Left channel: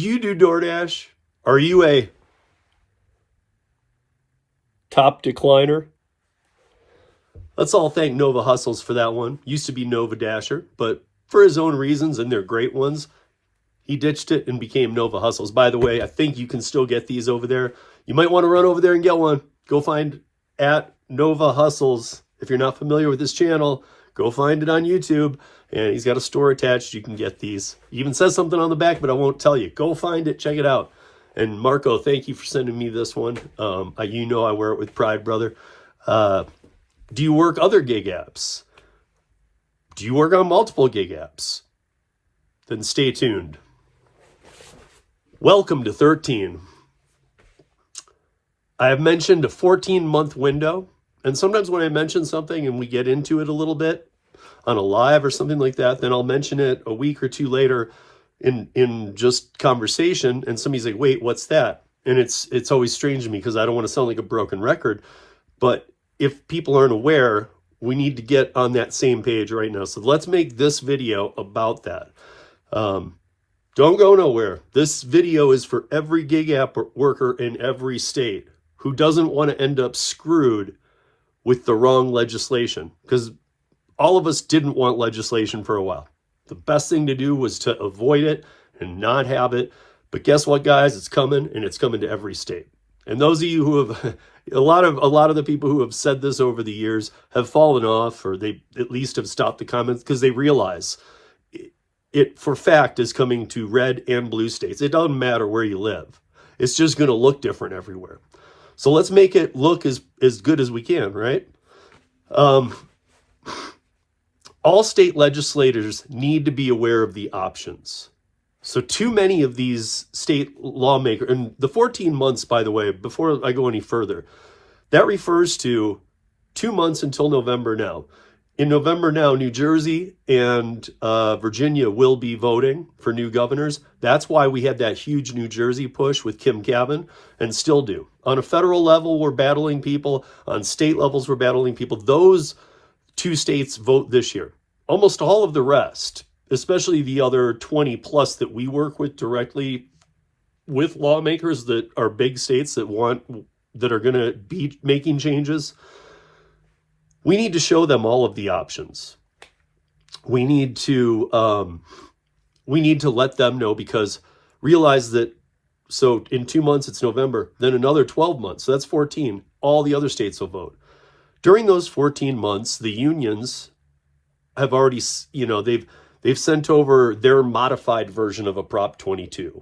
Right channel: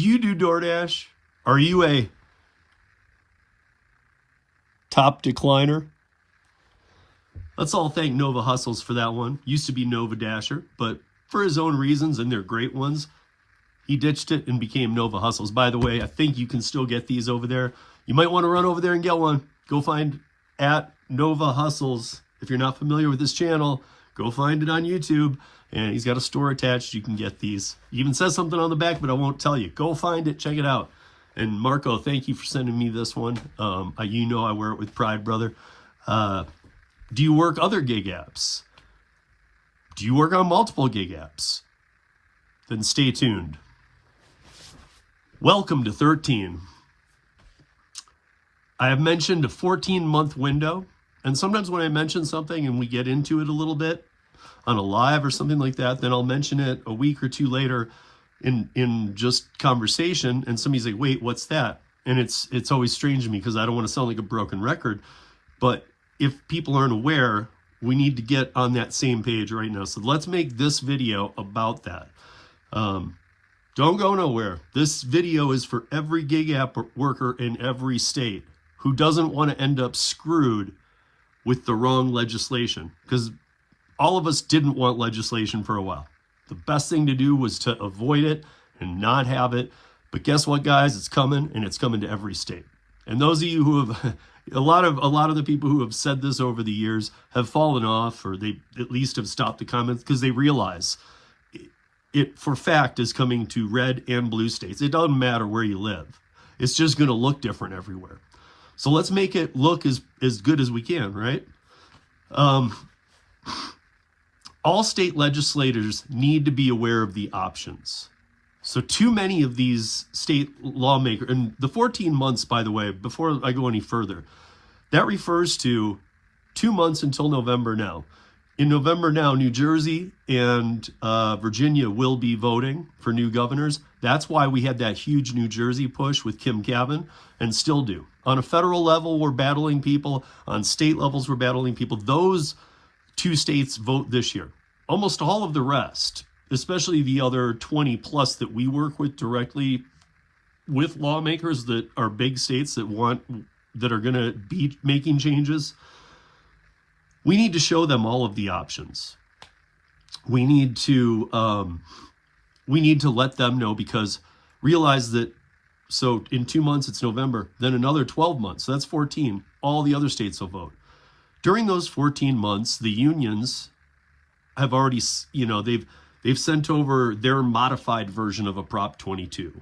Do you do DoorDash? Are you a top decliner? Let's all thank Nova Hustles for that one. Used to be Nova Dasher, but for his own reasons, and they're great ones, he ditched it and became Nova Hustles. By the way, I think you can still get these over there. You might want to run over there and get one. Go find at Nova Hustles. If you're not familiar with his channel, go find it on YouTube. And he's got a store attached. You can get these. He even says something on the back, but I won't tell you. Go find it. Check it out. And Marco, thank you for sending me this one. You know I wear it with pride, brother. Do you work other gig apps? Do you work on multiple gig apps? Then stay tuned. Welcome to 13. I have mentioned a 14-month window. And sometimes when I mention something and we get into it a little bit on a live or something like that, then I'll mention it a week or two later in just conversation. And somebody's like, wait, what's that? And it's always strange to me because I don't want to sound like a broken record. But if people aren't aware, we need to get on that same page right now. So let's make this video about that. Don't go nowhere. This video is for every gig app worker in every state who doesn't want to end up screwed with the wrong legislation, because all of us didn't want legislation for a while. The best thing to do was to avoid it and not have it. But guess what, guys? It's coming, and it's coming to every state. And those of you who have, a lot of the people who have said this over the years have fallen off, or they at least have stopped the comments because they realize it for fact is coming to red and blue states. It doesn't matter where you live. It's just going to look different everywhere. So let's make it look as good as we can, right? All state legislators need to be aware of the options. So too many of these state lawmakers, and the 14 months, by the way, before I go any further, that refers to 2 months until November now. In November now, New Jersey and Virginia will be voting for new governors. That's why we had that huge New Jersey push with Kim Cavan, and still do. On a federal level, we're battling people. On state levels, we're battling people. Those two states vote this year. Almost all of the rest, especially the other 20 plus that we work with directly with lawmakers that are big states that are going to be making changes, we need to show them all of the options. We need to let them know, because realize that, so in 2 months, it's November, then another 12 months. So that's 14. All the other states will vote. During those 14 months, the unions have already, they've sent over their modified version of a Prop 22,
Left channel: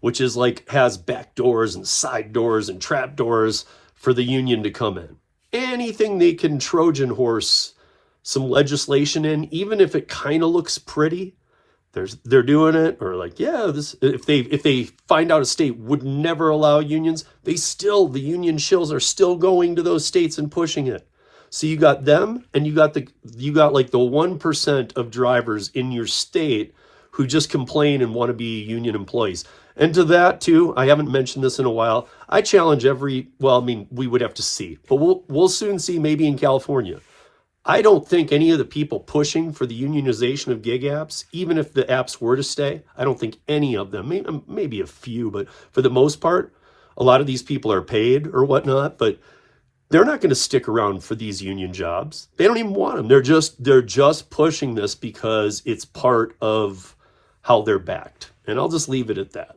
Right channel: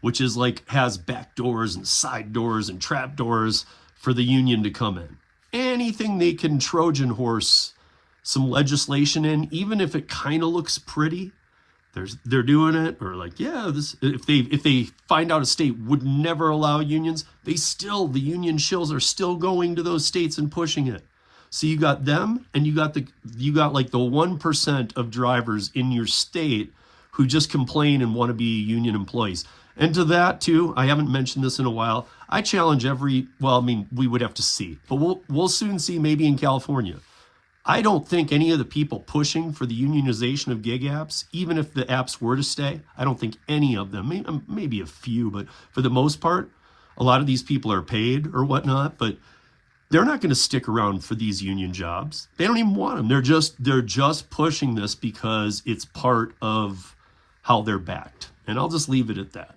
which is has back doors and side doors and trap doors for the union to come in. Anything they can Trojan horse some legislation in, even if it kind of looks pretty, they're doing it. Or if they find out a state would never allow unions, the union shills are still going to those states and pushing it. So you got them, and you got the 1% of drivers in your state who just complain and want to be union employees. And to that too, I haven't mentioned this in a while, I challenge we would have to see, but we'll soon see, maybe in California. I don't think any of the people pushing for the unionization of gig apps, even if the apps were to stay, I don't think any of them, maybe a few, but for the most part, a lot of these people are paid or whatnot, but they're not going to stick around for these union jobs. They don't even want them. They're just pushing this because it's part of how they're backed. And I'll just leave it at that.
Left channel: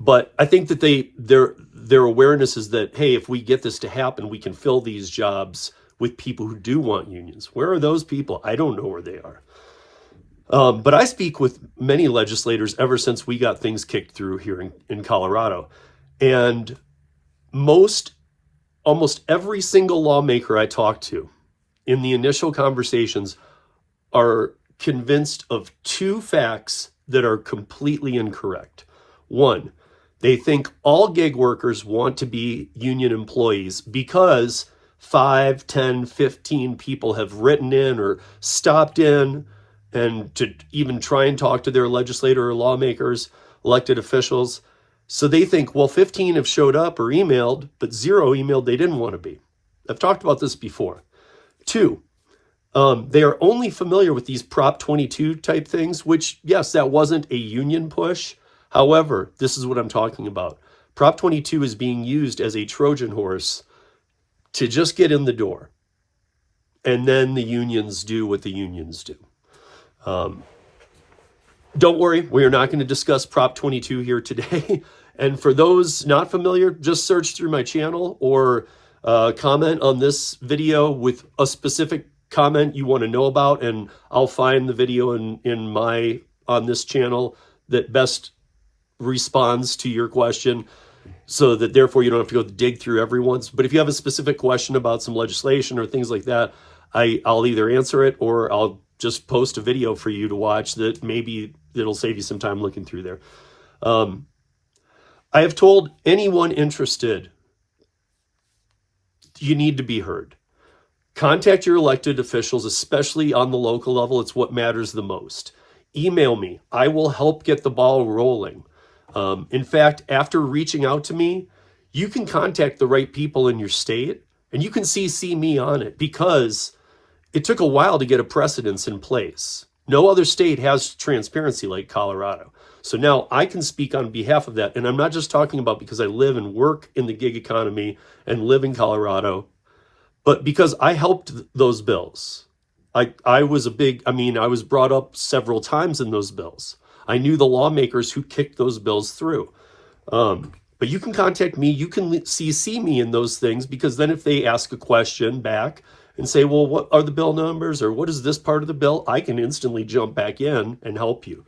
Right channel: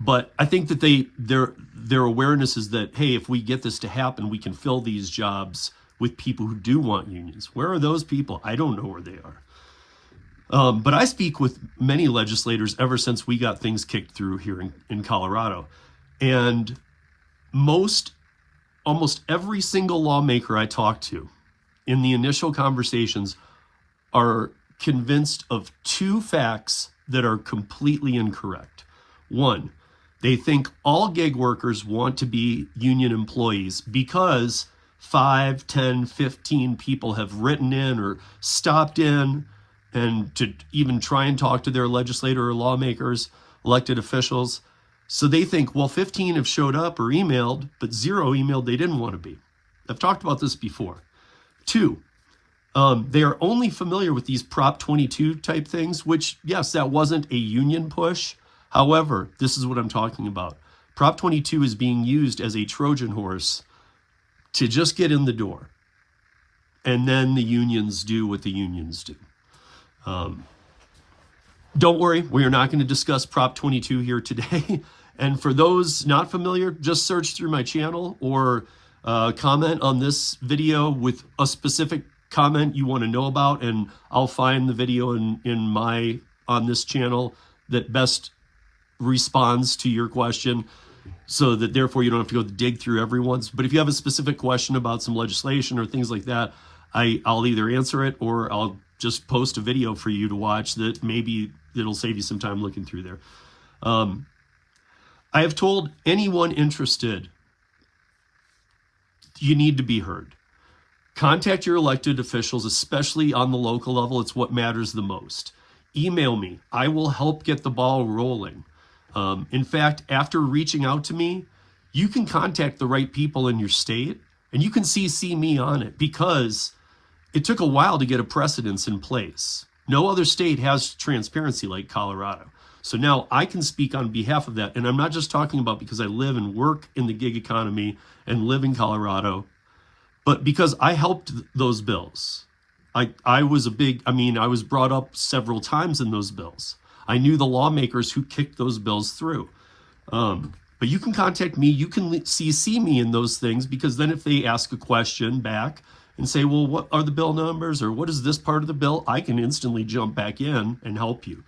But I think that their awareness is that, hey, if we get this to happen, we can fill these jobs with people who do want unions. Where are those people? I don't know where they are. But I speak with many legislators ever since we got things kicked through here in Colorado. And almost every single lawmaker I talk to in the initial conversations are convinced of two facts that are completely incorrect. One, they think all gig workers want to be union employees because 5, 10, 15 people have written in or stopped in and to even try and talk to their legislator or lawmakers, elected officials. So they think, well, 15 have showed up or emailed, but 0 emailed they didn't want to be. I've talked about this before. 2, They are only familiar with these Prop 22 type things, which, yes, that wasn't a union push. However, this is what I'm talking about. Prop 22 is being used as a Trojan horse to just get in the door. And then the unions do what the unions do. Don't worry, we are not going to discuss Prop 22 here today. And for those not familiar, just search through my channel or comment on this video with a specific comment you want to know about, and I'll find the video on this channel that best responds to your question, so that therefore you don't have to go dig through everyone's. But if you have a specific question about some legislation or things like that, I'll either answer it or I'll just post a video for you to watch that maybe it'll save you some time looking through there. I have told anyone interested, you need to be heard. Contact your elected officials, especially on the local level. It's what matters the most. Email me. I will help get the ball rolling. In fact, after reaching out to me, you can contact the right people in your state, and you can CC me on it, because it took a while to get a precedence in place. No other state has transparency like Colorado. So now I can speak on behalf of that. And I'm not just talking about because I live and work in the gig economy and live in Colorado, but because I helped those bills. I was brought up several times in those bills. I knew the lawmakers who kicked those bills through. But you can contact me. You can CC me in those things, because then if they ask a question back and say, well, what are the bill numbers, or what is this part of the bill, I can instantly jump back in and help you.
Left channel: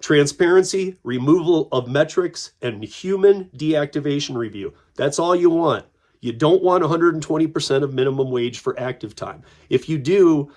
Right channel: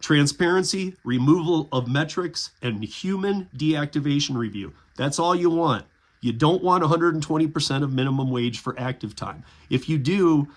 Transparency, removal of metrics, and human deactivation review. That's all you want. You don't want 120% of minimum wage for active time. If you do,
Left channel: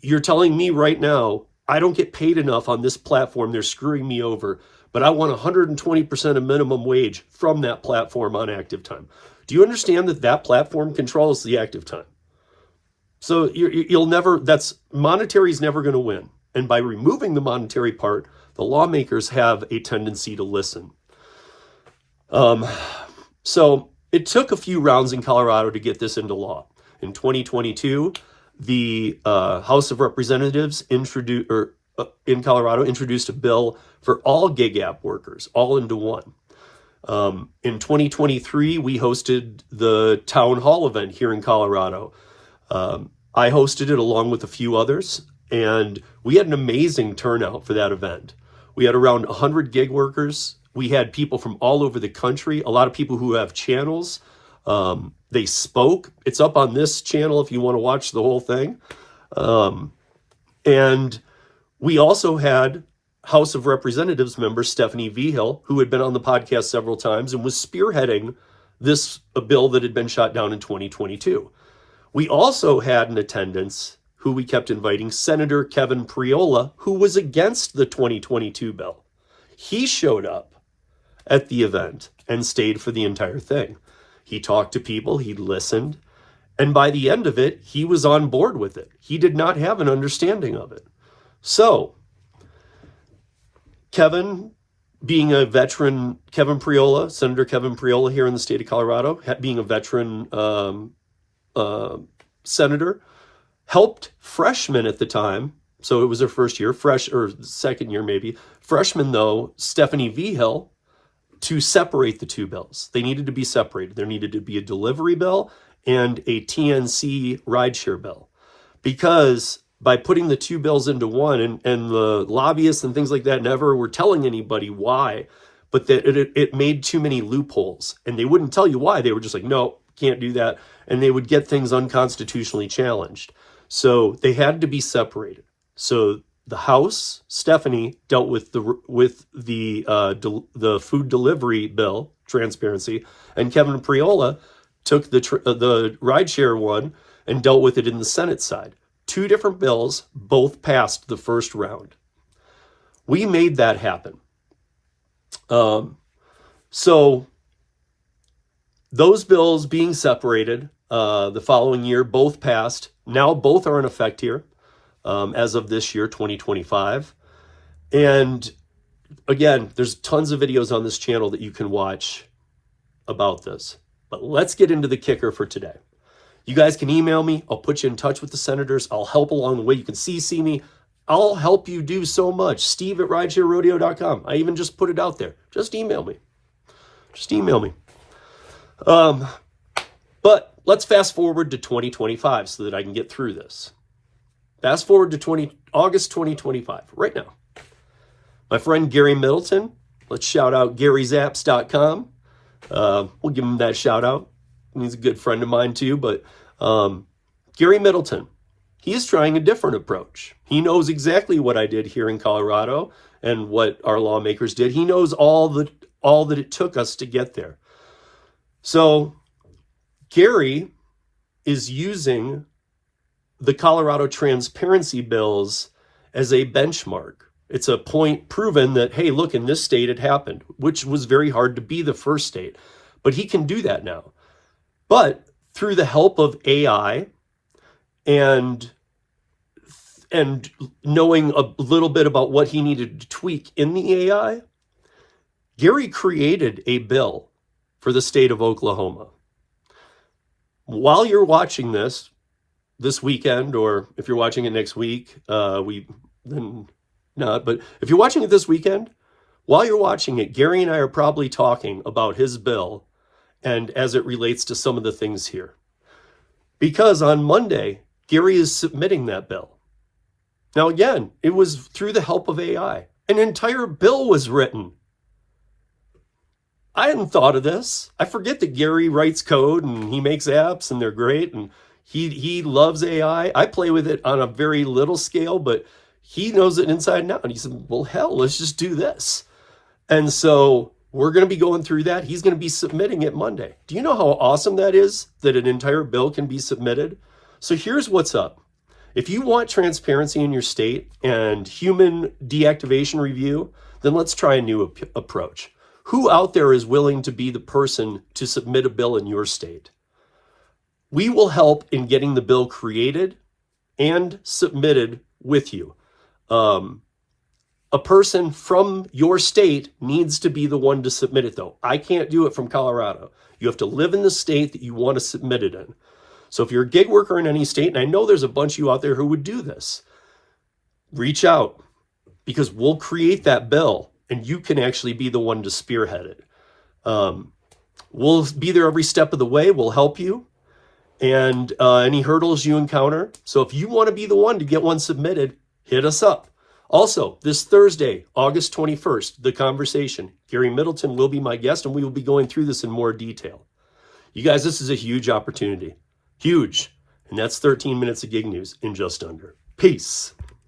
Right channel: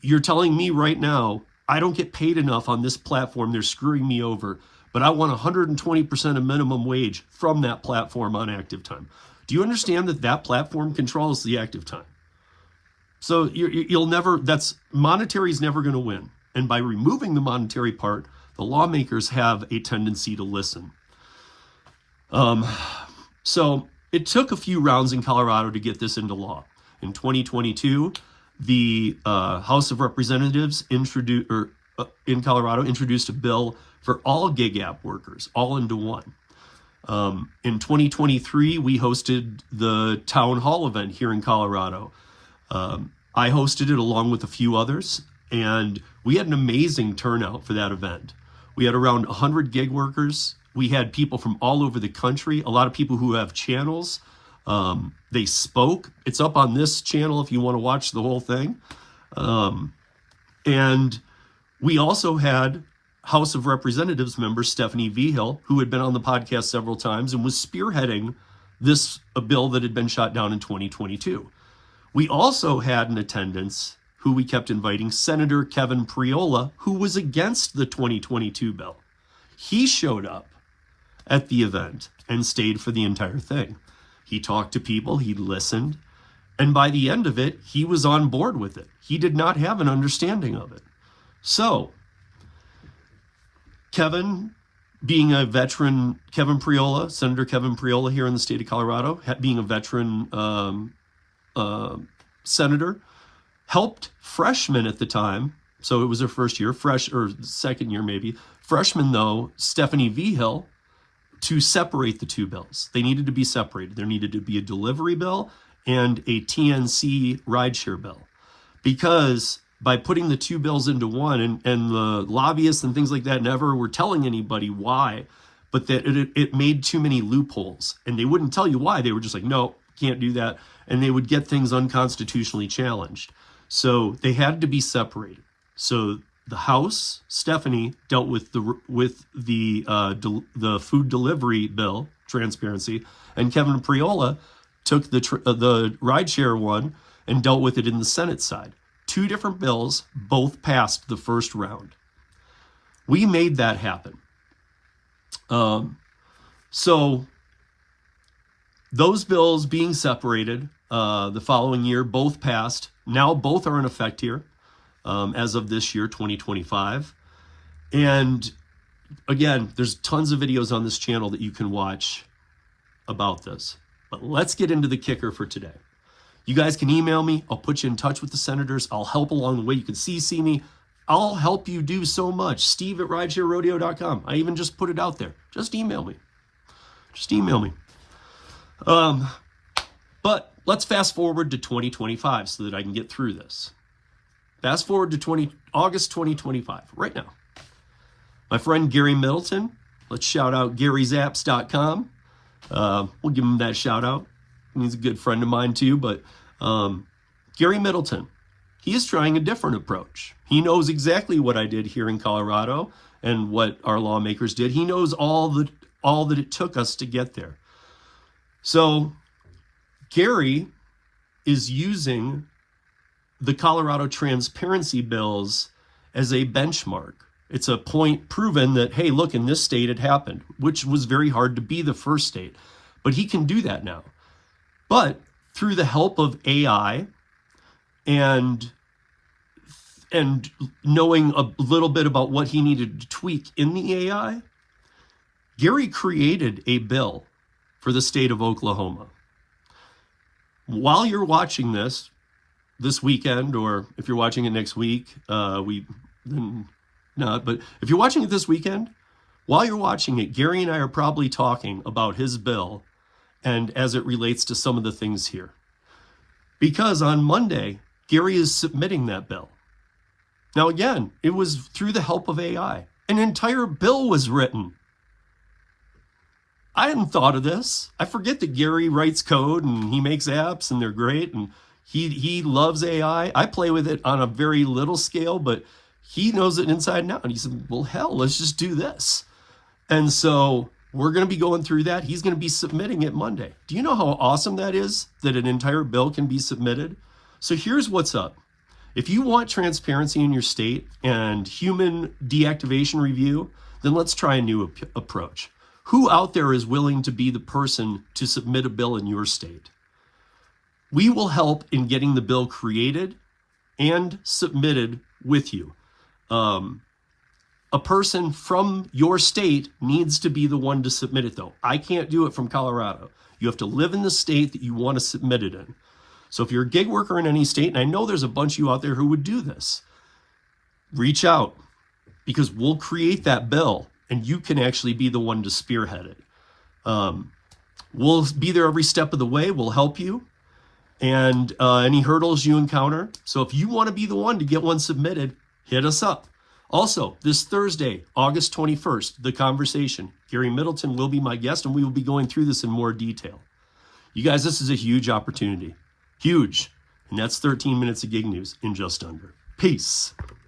you're telling me right now, I don't get paid enough on this platform, they're screwing me over, but I want 120% of minimum wage from that platform on active time. Do you understand that that platform controls the active time? So monetary is never going to win. And by removing the monetary part, the lawmakers have a tendency to listen. So it took a few rounds in Colorado to get this into law. In 2022, the House of Representatives in Colorado introduced a bill for all gig app workers, all into one. In 2023, we hosted the town hall event here in Colorado. I hosted it along with a few others, and we had an amazing turnout for that event. We had around 100 gig workers. We had people from all over the country, a lot of people who have channels. They spoke. It's up on this channel if you want to watch the whole thing. And we also had House of Representatives member Stephanie Vigil, who had been on the podcast several times and was spearheading a bill that had been shot down in 2022. We also had in attendance, who we kept inviting, Senator Kevin Priola, who was against the 2022 bill. He showed up at the event and stayed for the entire thing. He talked to people, he listened, and by the end of it, he was on board with it. He did not have an understanding of it. So, Kevin, being a veteran, Senator Kevin Priola here in the state of Colorado, being a veteran senator, helped freshmen at the time, so it was her first year, second year maybe, freshman though, Stephanie Vigil, to separate the two bills. They needed to be separated. There needed to be a delivery bill and a TNC rideshare bill. Because by putting the two bills into one, and the lobbyists and things like that never were telling anybody why, but that it made too many loopholes. And they wouldn't tell you why. They were just like, no, can't do that. And they would get things unconstitutionally challenged. So they had to be separated. So the House, Stephanie, dealt with the food delivery bill, transparency, and Kevin Priola took the rideshare one and dealt with it in the Senate side. Two different bills, both passed the first round. We made that happen. So those bills being separated the following year, both passed. Now both are in effect here as of this year, 2025. And again, there's tons of videos on this channel that you can watch about this. But let's get into the kicker for today. You guys can email me. I'll put you in touch with the senators. I'll help along the way. You can CC me. I'll help you do so much. Steve@ridesharerodeo.com. I even just put it out there. Just email me. Just email me. But let's fast forward to 2025 so that I can get through this. Fast forward to August 2025, right now. My friend Gary Middleton, let's shout out GaryZaps.com. We'll give him that shout out. He's a good friend of mine too, but Gary Middleton, he is trying a different approach. He knows exactly what I did here in Colorado and what our lawmakers did. He knows all that it took us to get there. So Gary is using the Colorado transparency bills as a benchmark. It's a point proven that, hey, look, in this state it happened, which was very hard to be the first state. But he can do that now. But through the help of AI and knowing a little bit about what he needed to tweak in the AI, Gary created a bill for the state of Oklahoma. While you're watching this weekend, or if you're watching it next week, but if you're watching it this weekend, while you're watching it, Gary and I are probably talking about his bill and as it relates to some of the things here. Because on Monday, Gary is submitting that bill. Now, again, it was through the help of AI. An entire bill was written. I hadn't thought of this. I forget that Gary writes code and he makes apps and they're great and he loves AI. I play with it on a very little scale, but he knows it inside and out. And he said, well, hell, let's just do this. And so we're going to be going through that. He's going to be submitting it Monday. Do you know how awesome that is, that an entire bill can be submitted? So here's what's up. If you want transparency in your state and human deactivation review, then let's try a new approach. Who out there is willing to be the person to submit a bill in your state? We will help in getting the bill created and submitted with you. A person from your state needs to be the one to submit it, though. I can't do it from Colorado. You have to live in the state that you want to submit it in. So if you're a gig worker in any state, and I know there's a bunch of you out there who would do this, reach out, because we'll create that bill and you can actually be the one to spearhead it. We'll be there every step of the way. We'll help you and any hurdles you encounter. So if you want to be the one to get one submitted, hit us up. Also, this Thursday, August 21st, The Conversation. Gary Middleton will be my guest, and we will be going through this in more detail. You guys, this is a huge opportunity. Huge. And that's 13 minutes of gig news in just under. Peace.